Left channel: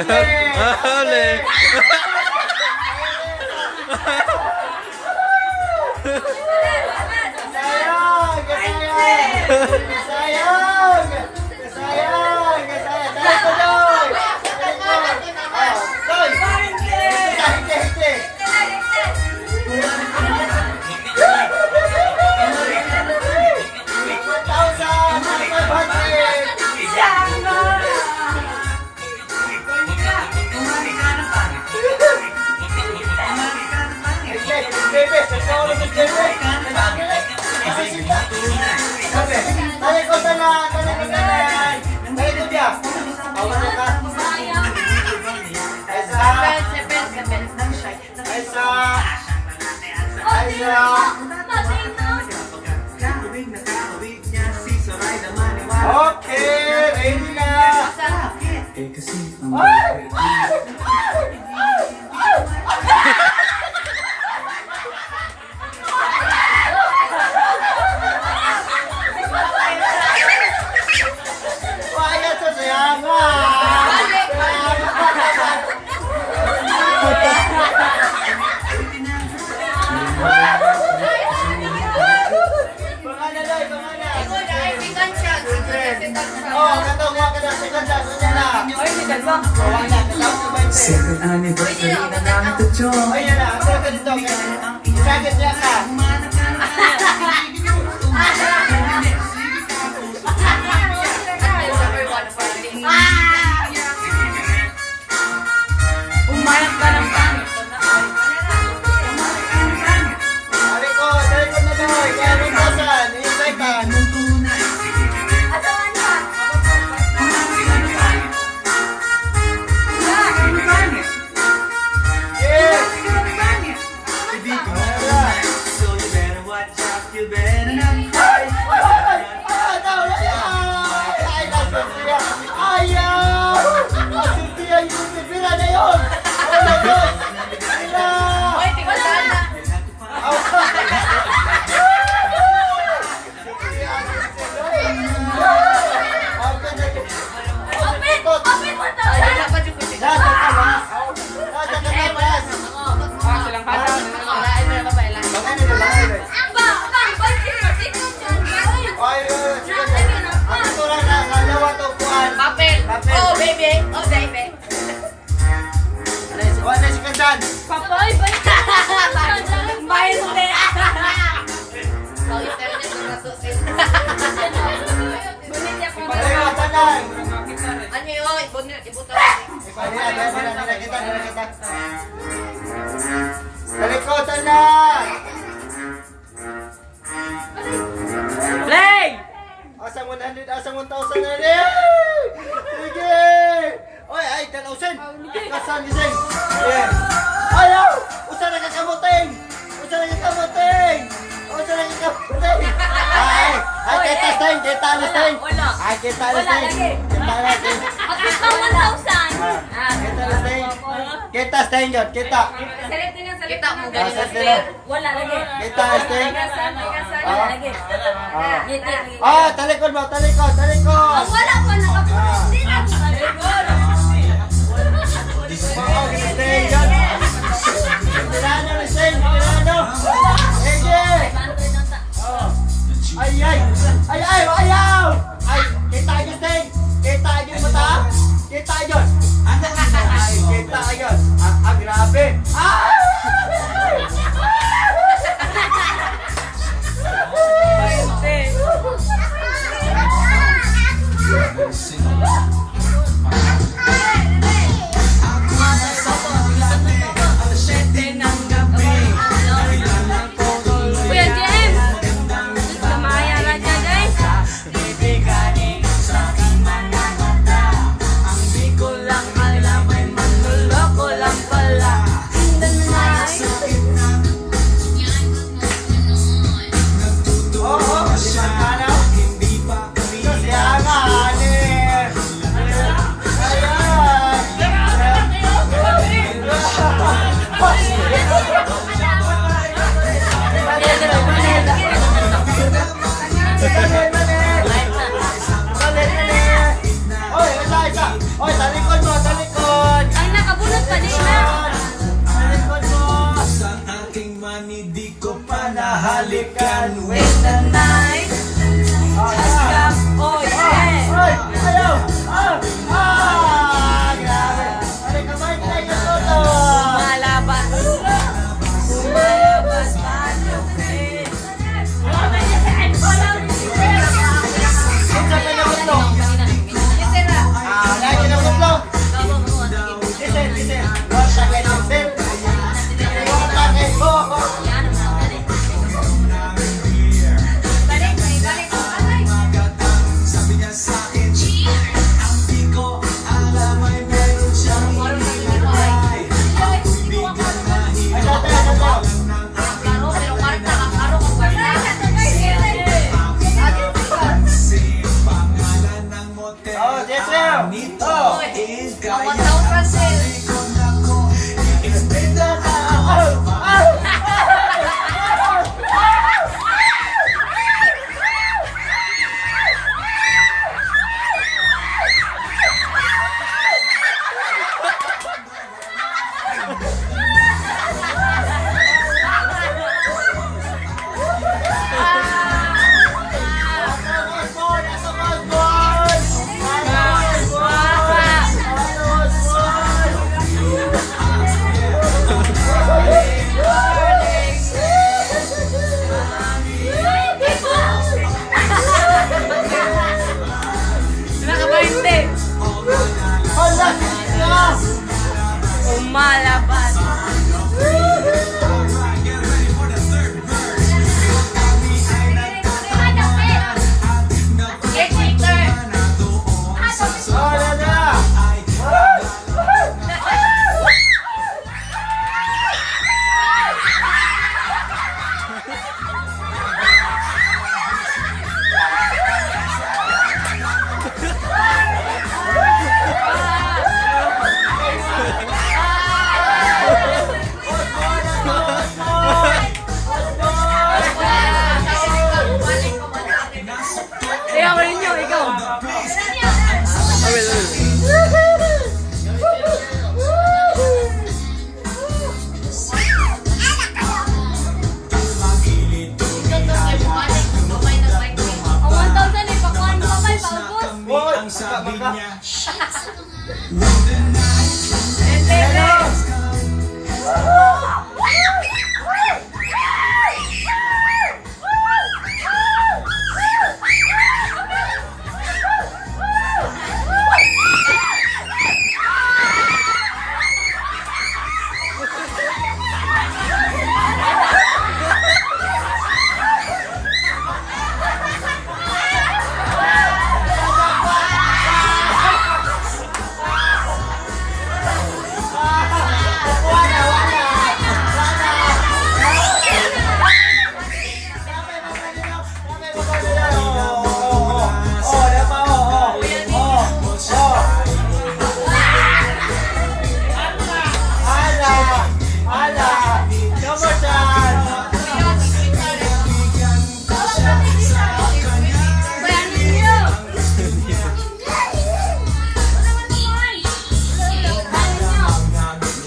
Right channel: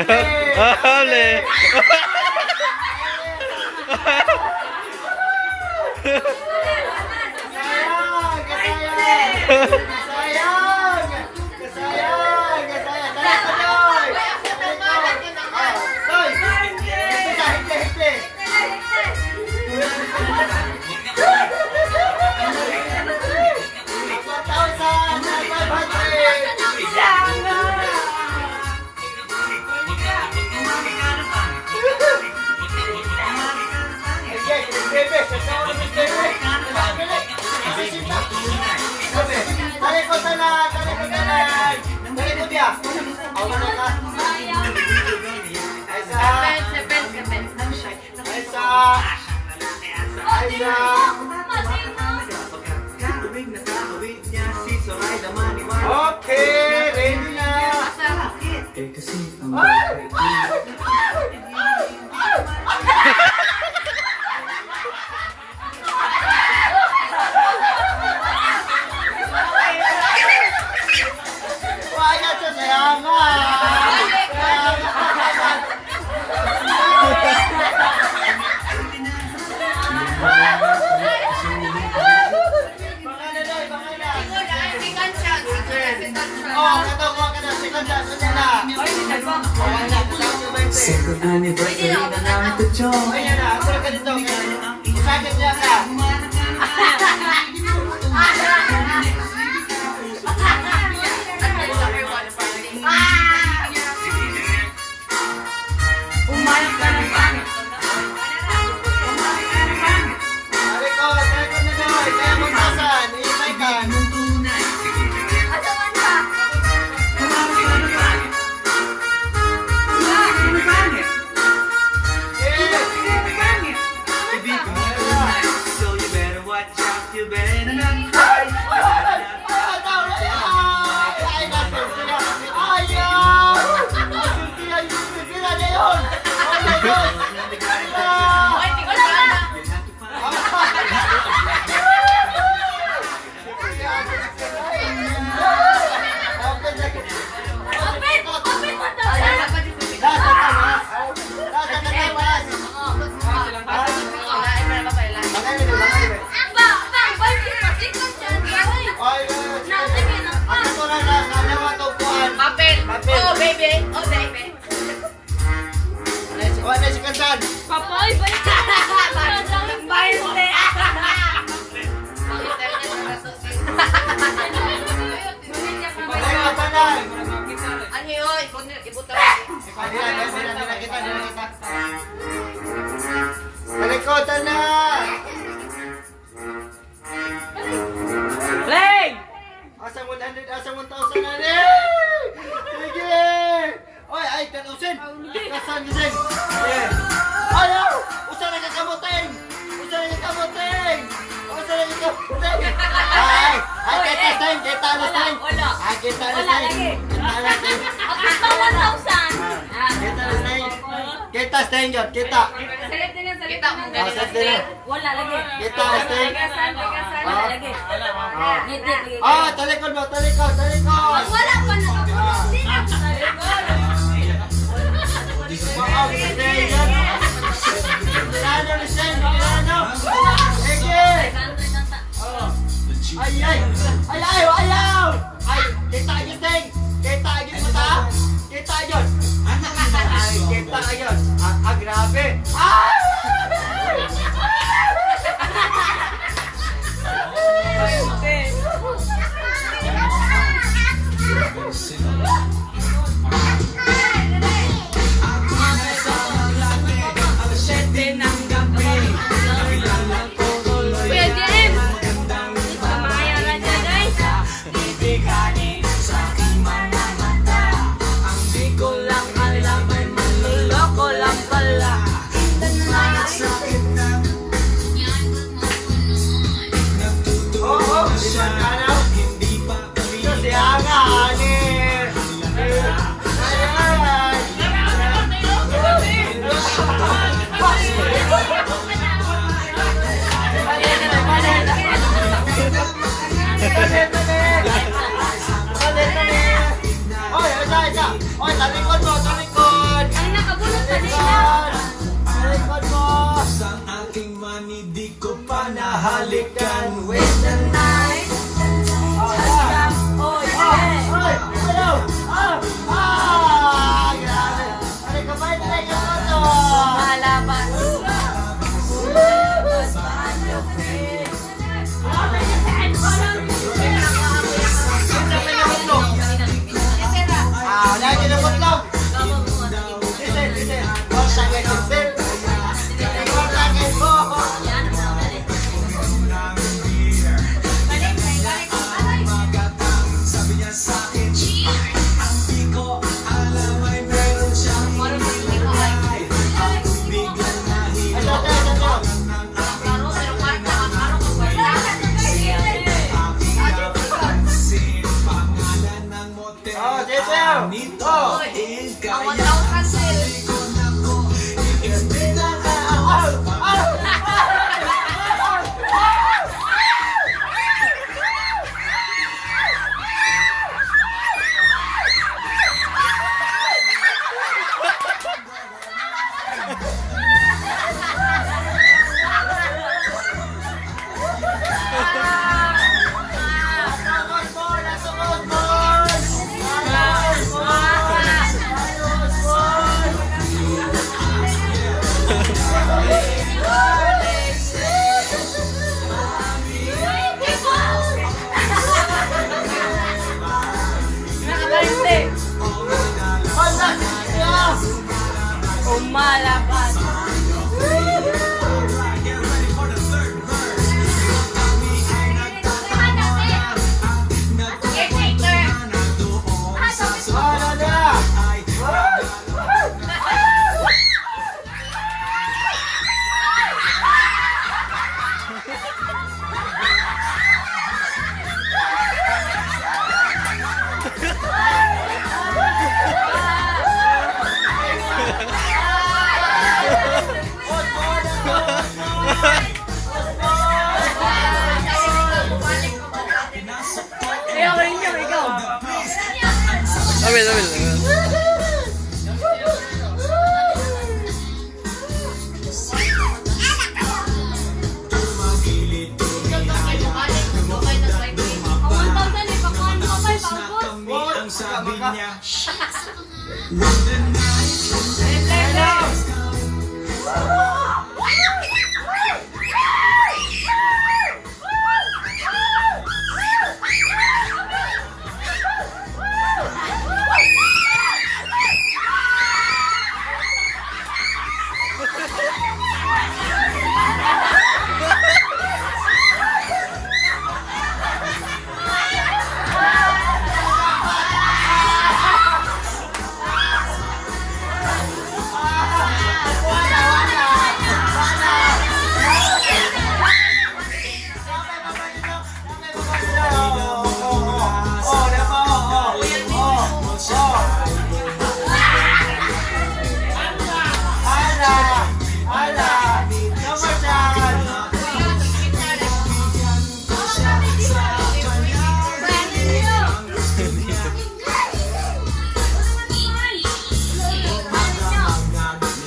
Huli! Sayang! Sayang! Sayang! Sayang! Sayang! Dahil sa Joy! Joy! Hindi! Talikod na! Talikod niya! Awan na ka! Aisa! Okay! Ready na! Waya to sayang Second anniversary na namin to Joy. Ayun na, ako ka dito. Sakit niya ka. Umayang ka ng pangit. Talikod na doy. Kaya magpasan. Hintay ka. Asawan ka. Yes! So you better watch out, you better not cry. Ay, nasa siya. Ayaw! Siya yung sipira na yun! Oh my God! Sila! Hoy, tingnan sana. Open! Open mo to! Nasa tamas! Nasa tamas! Ako na nakalawa to kuan. Papel! Oh, baby! Oh, baby! Kuan na si Kandan. Papoy! Bayan mo Dalawa tanan. Ano yun? Ibuto. Nila kita. Talikotan na! Play! Asang 100, asang 1,000 na rin! Sige! Oy, ay, 10,000! Kasan gising! Ayan! Ayaw! Usa na kakamuting! Usa na kakamuting! Usa na kakamuting! Ay! Ay, kita stain! Kita na stain! Ay, kita na stain! Kita na stain! At gusto 1,000. Kita na stain! Kita stain yun! Kita! Kita mo Asa sila? Wala lagi. Kita na stain! Wala lagi. Ah, talikod mo! Talikod! Talikod! Ang wala pa nakapunos din ang salikod. Oo, stain yun! Tirano na stain! Tirano! Ege! Ay, ay! Ay, ay! Ayaw! Ay, kita agad stain! Kita agad mata! Kita agad! Ay, kita agad! Ah, grabe! Ah! Ang 7 ng gabi. Kailangan ko halikan. When the night has come. Oh, yeah. Ay! Ayaw! Grabe! Ano ka ba? Tayo ka po to! Lumalaban. Lumalaban pa yung face. Isa ka na ito! Wala ka na ito! Listen! What's that like this, babe? What's that like po? Oh, Jeffrey! Oh! Umalaban. Ikaw rin yun, ikaw. Sabi niya,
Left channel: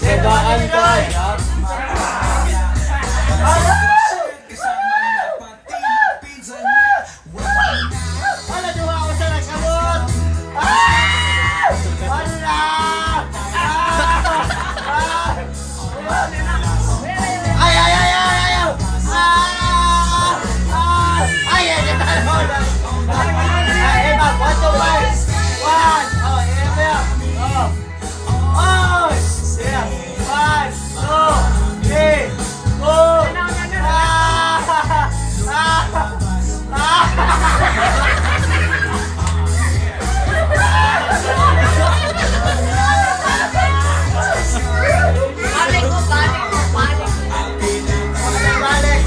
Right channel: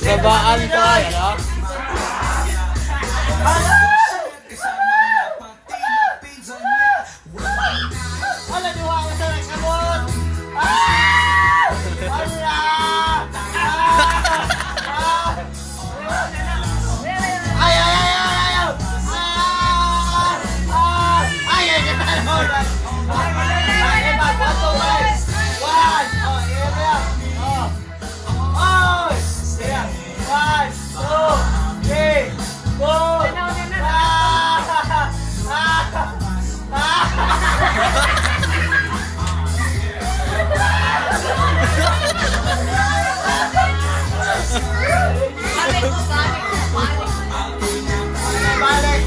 Sabaan ka! Wala duha ako sa nagkamot! Wala! Ay! One, two, five! One! Oh, yeah! Oh! Yeah! One, two, three, four! Balik!